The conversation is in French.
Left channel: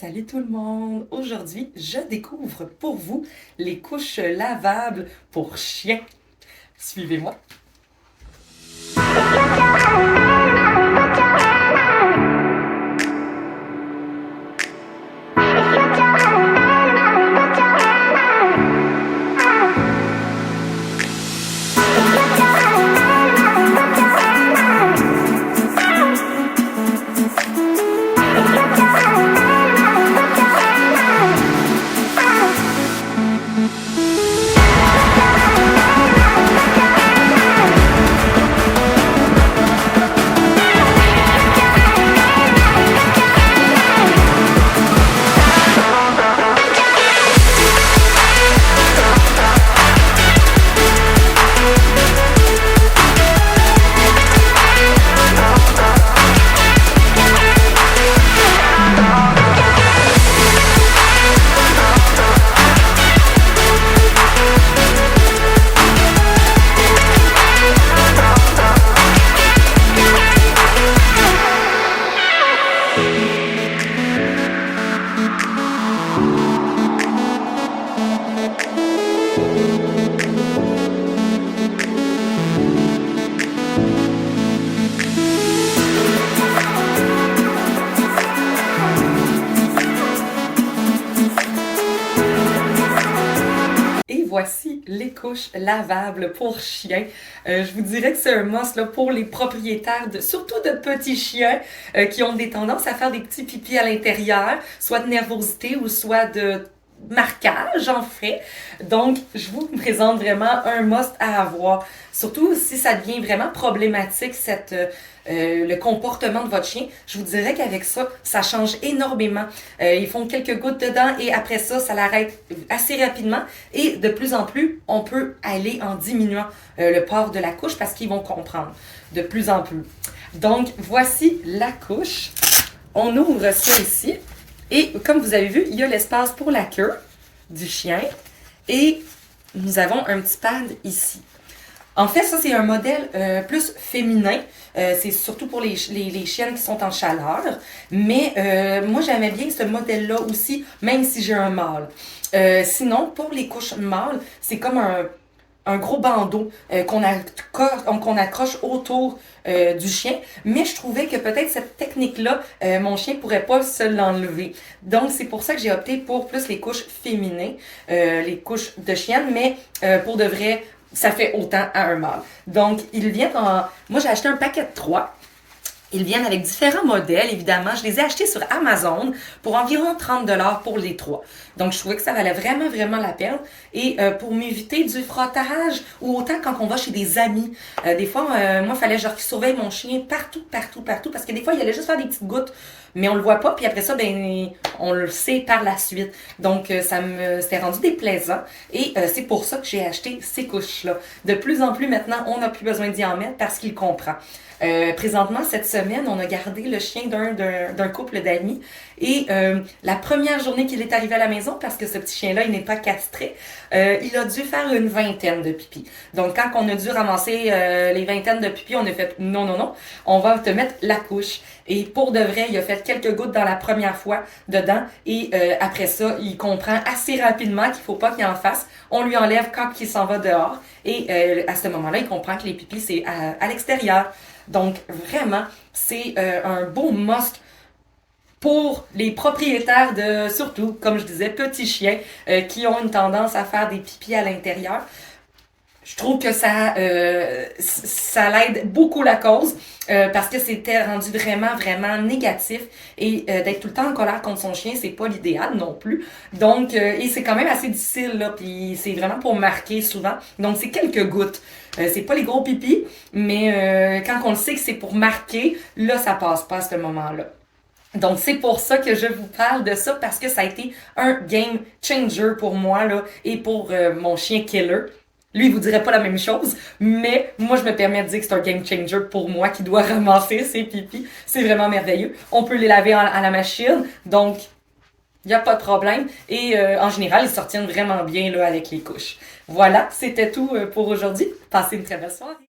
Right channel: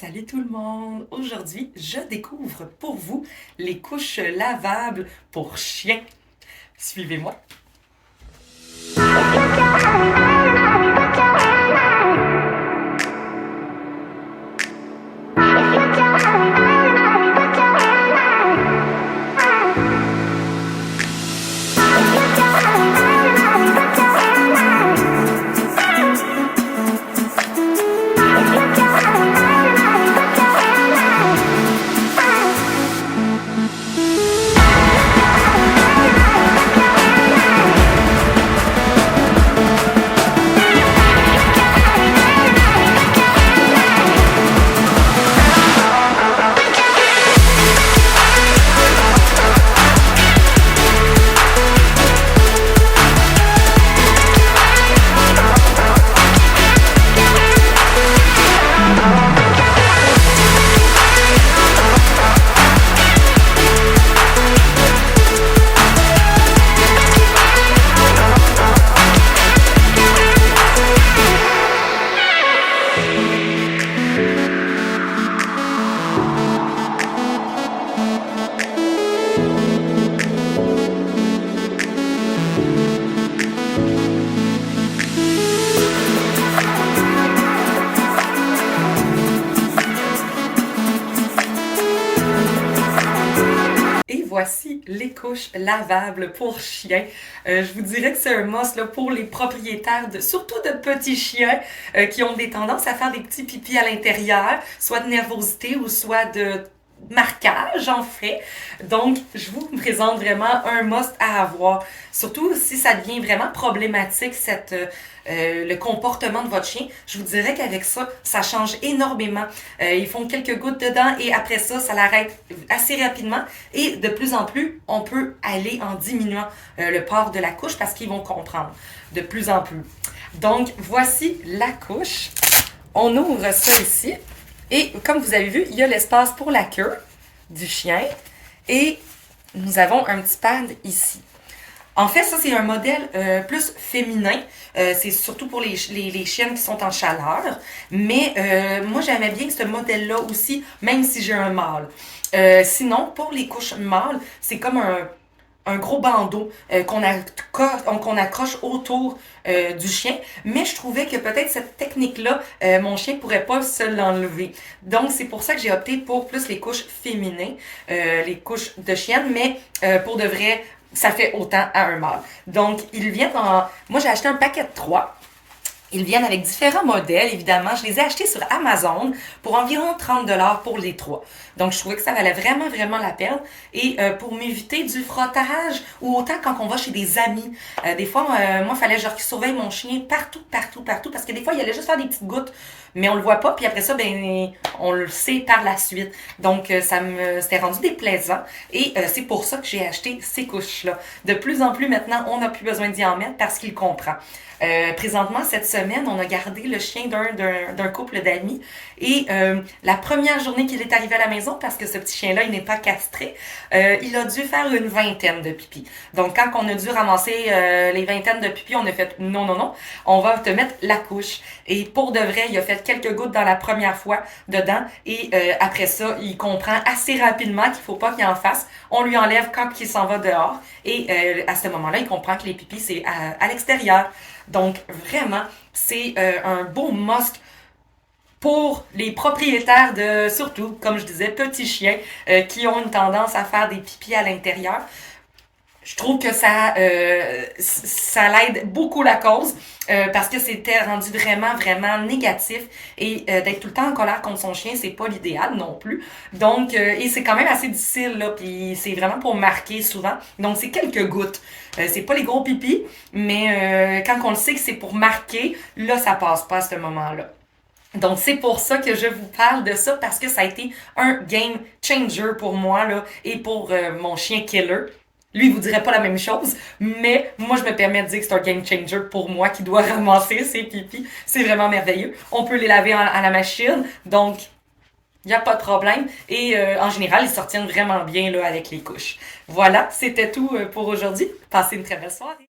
Salut tout le monde! Aujourd'hui, je découvre pour vous les couches lavables pour chiens. Suivez-moi! Et voici les couches lavables pour chiens. Je vous dirais que c'est un must là, pour les propriétaires, surtout de petits chiens qui ont des tendances à faire des petits pipis à l'intérieur, soit de nervosité ou soit de marquage en fait. Donc, je vous présente vraiment un must à avoir. Surtout si ça devient vraiment problématique, le comportement de votre chien, je vous dirais qu'avec ça, ça change énormément. Ils font quelques gouttes dedans et après ça, ça l'arrête assez rapidement. Et de plus en plus, on peut aller en diminuant le port de la couche parce qu'ils vont comprendre de plus en plus. Donc, voici la couche. On ouvre ça ici. Et comme vous avez vu, il y a l'espace pour la queue du chien. Et nous avons un petit pad ici. En fait, ça, c'est un modèle plus féminin. C'est surtout pour les chiennes qui sont en chaleur. Mais moi, j'aimais bien ce modèle-là aussi, même si j'ai un mâle. Sinon, pour les couches mâles, c'est comme un gros bandeau qu'on accroche autour du chien. Mais je trouvais que peut-être cette technique-là, mon chien pourrait pas se l'enlever. Donc, c'est pour ça que j'ai opté pour plus les couches féminines, les couches de chienne. Mais pour de vrai, ça fait autant à un mâle. Donc, ils viennent en... Moi, j'ai acheté un paquet de 3. Ils viennent avec différents modèles, évidemment. Je les ai achetés sur Amazon pour environ 30$ pour les 3. Donc, je trouvais que ça valait vraiment, vraiment la peine. Et pour m'éviter du frottage, ou autant quand on va chez des amis. Des fois, moi, il fallait que je surveille mon chien partout, parce que des fois, il allait juste faire des petites gouttes, mais on le voit pas, puis après ça, ben, on le sait par la suite. Donc, c'était rendu déplaisant. Et c'est pour ça que j'ai acheté ces couches-là. De plus en plus, maintenant, on n'a plus besoin d'y en mettre parce qu'il comprend. Présentement, cette semaine, on a gardé le chien d'un couple d'amis et la première journée qu'il est arrivé à la maison, parce que ce petit chien-là, il n'est pas castré, il a dû faire une vingtaine de pipis. Donc, quand on a dû ramasser les vingtaines de pipis, on a fait non, on va te mettre la couche. Et pour de vrai, il a fait quelques gouttes dans la première fois dedans et après ça, il comprend assez rapidement qu'il faut pas qu'il en fasse. On lui enlève quand il s'en va dehors et à ce moment-là, il comprend que les pipis, c'est à l'extérieur. Donc, vraiment, c'est un beau must pour les propriétaires de, surtout, comme je disais, petits chiens qui ont une tendance à faire des pipis à l'intérieur. Je trouve que ça l'aide beaucoup la cause parce que c'était rendu vraiment, vraiment négatif et d'être tout le temps en colère contre son chien, c'est pas l'idéal non plus. Donc, et c'est quand même assez difficile, là, puis c'est vraiment pour marquer souvent. Donc, c'est quelques gouttes. C'est pas les gros pipis, mais quand on le sait que c'est pour marquer, là, ça passe pas à ce moment-là. Donc, c'est pour ça que je vous parle de ça, parce que ça a été un game changer pour moi, là, et pour mon chien Killer. Lui, il vous dirait pas la même chose, mais moi, je me permets de dire que c'est un game changer pour moi qui doit ramasser ses pipis. C'est vraiment merveilleux. On peut les laver à la machine, donc il n'y a pas de problème. Et en général, ils sortent vraiment bien là, avec les couches. Voilà, c'était tout pour aujourd'hui. Passez une très belle soirée.